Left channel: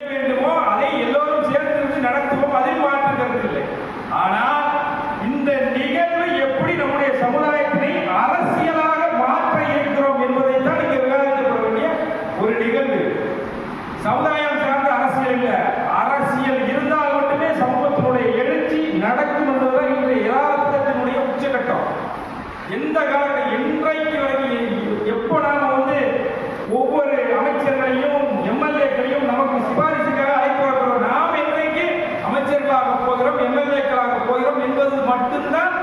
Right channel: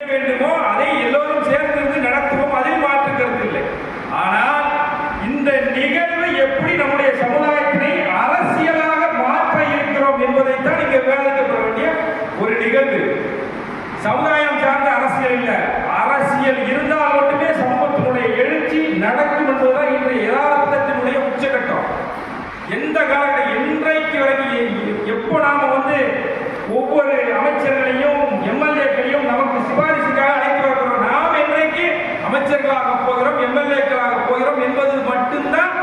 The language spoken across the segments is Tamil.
வேண்டுமோ அதை எல்லோரும் சேர்ந்திருந்து நடத்துவோம், அதில் மாற்று கருத்து இல்லை. ஆனால் இந்த நிகழ்வு எப்படி நம்முடைய சமுதாயத்தினை அரசியலாக மாற்ற இருக்கிறோம் என்பதைத்தான் இங்கே விவாதிக்கப்பட வேண்டிய ஒரு நிகழ்வு. சமுதாயம் சார்ந்த அரசியல் இல்லை, அரசியல் இருந்தால் மட்டுமே சமூகத்தினுடைய எழுச்சி நடக்கும் என்பதுதான் இன்றைய யதார்த்தத்தினுடைய உச்சகட்டம். எந்த காலகட்டம் இன்றைக்கு வரைக்கும் எப்போ நாம ஒவ்வொரு அமைச்சர்களையும் எம்எல்ஏக்களையும் நமக்கு சிபாரிசுக்காக அழைத்து வருகிறோம், நாம் இன்றைக்கு அமைச்சர்களாக போகிறோம், எம்எல்ஏக்களாக போகிறோம் என்பது மட்டும்தான்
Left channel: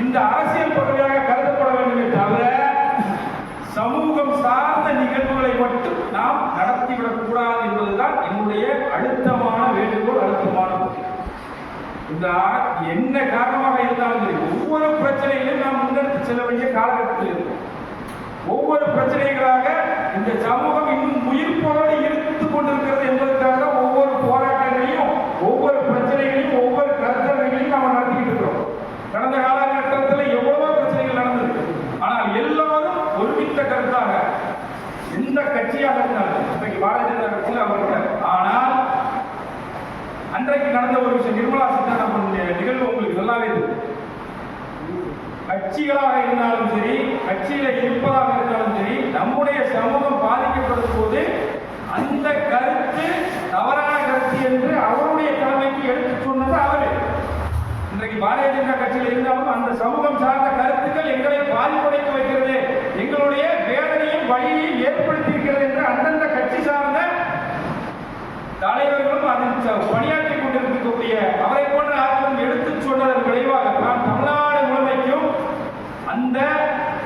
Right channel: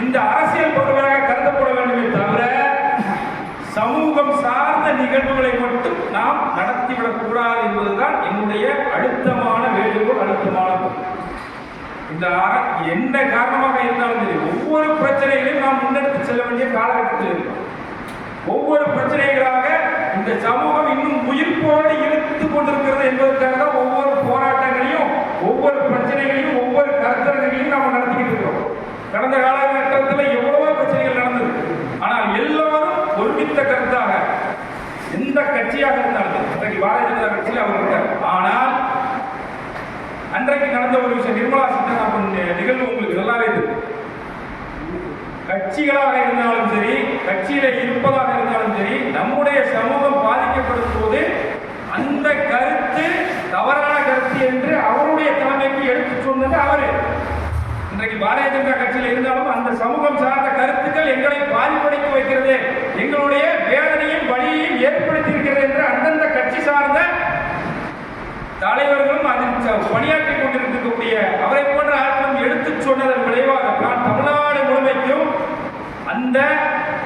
இந்த அரசியல் பகுதியாக கருதப்பட வேண்டுமே தவிர சமூகம் சார்ந்த நிகழ்வுகளை மட்டும் நாம் நடத்திவிடக் கூடாது என்பதுதான் என்னுடைய அழுத்தமான வேண்டுகோள், அழுத்தமான. இந்த என்ன காரணமாக இருந்தாலும் சரி, ஒவ்வொரு பிரச்சனைகளையும் நாம் முன்னெடுத்து செல்ல வேண்டிய காலகட்டத்தில் இருக்கும். ஒவ்வொரு பிரச்சனைகளாக இந்த சமூகம் இன்னும் உயிர்ப்போடு இழுத்துக் கொண்டிருக்கிறது என்பதற்காக ஒவ்வொரு போராட்டங்களையும், ஒவ்வொரு பிரச்சனைகளையும், ஒவ்வொரு கருத்தரங்களையும் நாம் நடத்திக்கிட்டு இருக்கிறோம். கடந்த காலகட்டத்தில் எவ்வளவோ பிரச்சனைகள் நடந்தது. ஆனால் எல்லோரும் ஒருமித்த கருத்தாக, எந்த கட்சியாக இருந்தாலும், இன்றைக்கு பாரதிய ஜனதா கட்சியில் அவர் இருக்கார். ஆனால் அன்றைக்கு நடந்த ஒரு விஷயம், நிர்மலா சீதாராமன் நிகழ்வு உங்களுக்கு நல்லாவே தெரியும். கட்சிகளாக இருந்தாலும் சரி, கட்சியில இருப்பதாக இருந்தாலும் சரி, நம்முடைய சமூகம் பாதிக்கப்படும் போது அந்த கருத்து தவறான கருத்து என்று அவருடைய தலைமைக்கு எடுத்து சொன்னது அவரு. இன்றைக்கு பாரதிய ஜனதா கட்சியில் இருந்தாலும் அந்த சமூகம் சார்ந்த கருத்துக்கள் எங்களை பாதிப்படைக்க வைக்கிறது, எங்களுடைய வேதனையும் வழியையும் ஏற்படுத்தி இருக்கிறது என்று அந்தந்த கட்சி சார்ந்த தலைவர்களும் அதில் பணியாற்றிக் கொண்டிருக்கக்கூடிய அவரை போன்ற ஆட்களும் எடுத்து சொன்னதன் விளைவாக நான் தமிழ்நாடு முழுமைக்கும் அந்த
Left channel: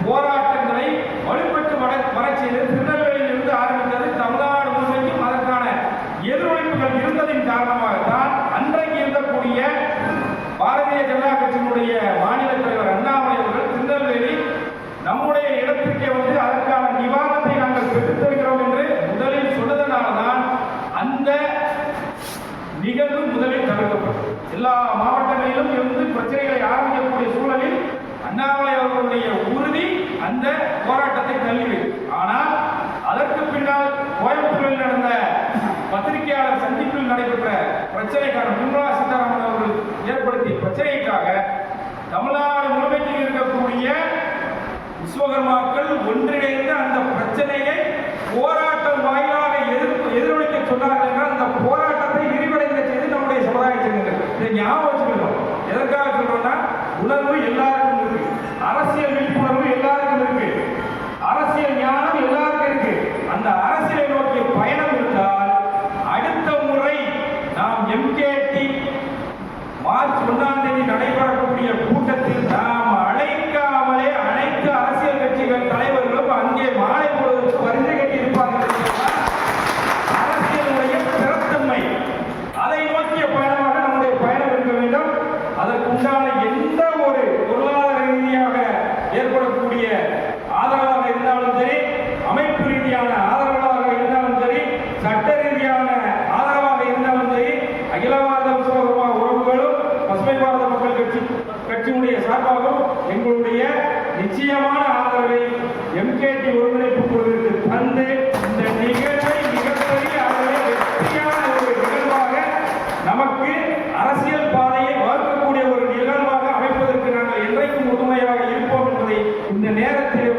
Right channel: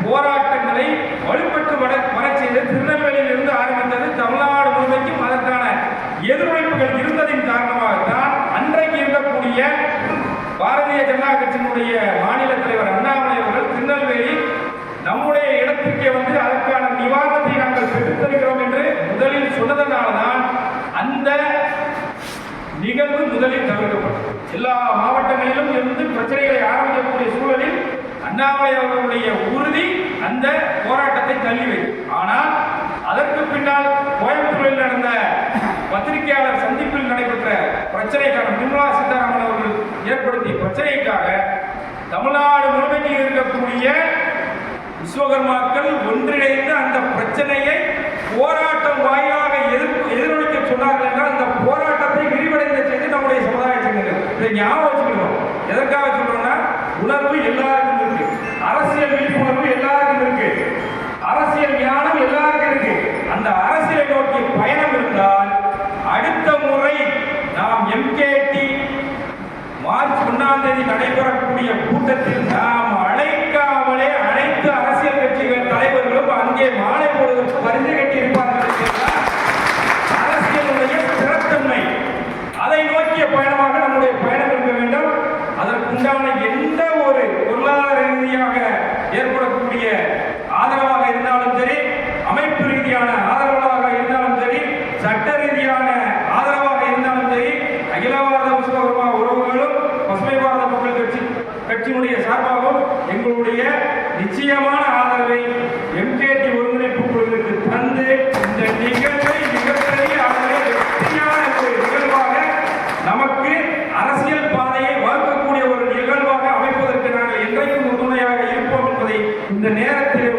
போராட்டங்களை வலுப்பெற்று வர செய்து திருநெல்வேலியில் இருந்து ஆரம்பித்தது. தமிழ்நாடு முழுமைக்கும் அதற்கான எதிரொலிப்புகள் இருந்ததின் காரணமாகத்தான் அன்றைக்கு இருக்கக்கூடிய பாரதிய ஜனதா கட்சியினுடைய மாநில தலைவர் அண்ணாமலை அவர்கள் திருநெல்வேலி நம்முடைய இடத்திற்கே அதற்கான நிவாரணத்தை நாங்கள் பெற்றுத் தருகிறோம் என்று முதலில் சொன்னதனால்தான் அந்த நிகழ்வு முதலில் தவிர்க்கப்பட்டது. எல்லா மாவட்டங்களிலும் இருந்து பிரச்சனைகளை ஆரம்பிக்கக்கூடிய சூழலில் அண்ணாமலை அவர்களுடைய உறுதி அந்த போராட்டத்தை தள்ளி வைத்தது. ஆனால் அதற்கு பின்னால் கோயம்புத்தூரில் நடந்த பத்திரிகையாளர் சந்திப்பில் நடைபெற்ற பிரச்சனைக்காக, நிர்மலா சீதாராமன் அவர்கள் ஏற்படுத்திய பிரச்சனைக்காக தமிழ்நாடு முழுமைக்கு இருக்கக்கூடிய விஸ்வகர்மாக்கள் ஒன்றிணைந்து அந்த பிரச்சனையை போராட்டம் வாயிலாக எதிரொலிக்க சொன்னார்கள் என்றால் அந்த போராட்டத்தை விரிவடைந்த செய்து நம்முடைய சமுதாய சங்கங்கள். இதை ஞாபகம் வச்சுக்கணும். எதற்காக சொல்றோம்னா, உணர்வு எல்லாருக்கும் இருக்கு, அரசியல் விழிப்புணர்வு எல்லாருக்கும் இருக்கு, அரசியல் ஞானம் எல்லாருக்கும் இருக்கு. அந்த அரசியலை நோக்கிய பயணம் இருந்தால் அடுத்த முறை நாம் எம்கேடி மார்ச் 1ஆம் தேதி நடைபெறக்கூடிய கூட்டத்தில் நாம் அழைக்காமலே அனைத்து அரசியல் கட்சிகள் தலைவர்களும் அங்கே மாலை பொழுது பரிந்து கட்டி இருப்பார்கள். அரசியலுடைய ஸ்திரத்தன்மை, அதை நோக்கிய பயணமாக நம்முடைய பயணம் இருக்க வேண்டும். அதற்குண்டான எந்த ஒரு பொருளாதார ரீதியாக ஏற்படக்கூடிய ஆதரவாக இருந்தாலும் சரி, அமைப்பு ரீதியான ஆதரவாக இருந்தாலும் சரி, சட்ட ரீதியான ஆதரவாக இருந்தாலும் சரி, அகில பாரத விஸ்வகர்மா உறவுகளும் பசுமை பாரத மக்கள் கட்சியினுடைய சார்பாகவும் எங்களுடைய நிச்சயமான ஆதரவை எம்கேடி ஒருங்கிணைப்பு குழுவிற்கு தந்து இந்த நிகழ்வை மிகப்பெரிய அளவில் வெற்றியான ஒரு நிகழ்வாக, நமக்கு அரசியல் பாதையை வகுக்கக்கூடிய ஒரு நிகழ்வாக அமைப்பதற்கு நாங்கள் என்றைக்கும் உறுதுணையாக இருப்போம் என்பதை இந்த நேரத்தில்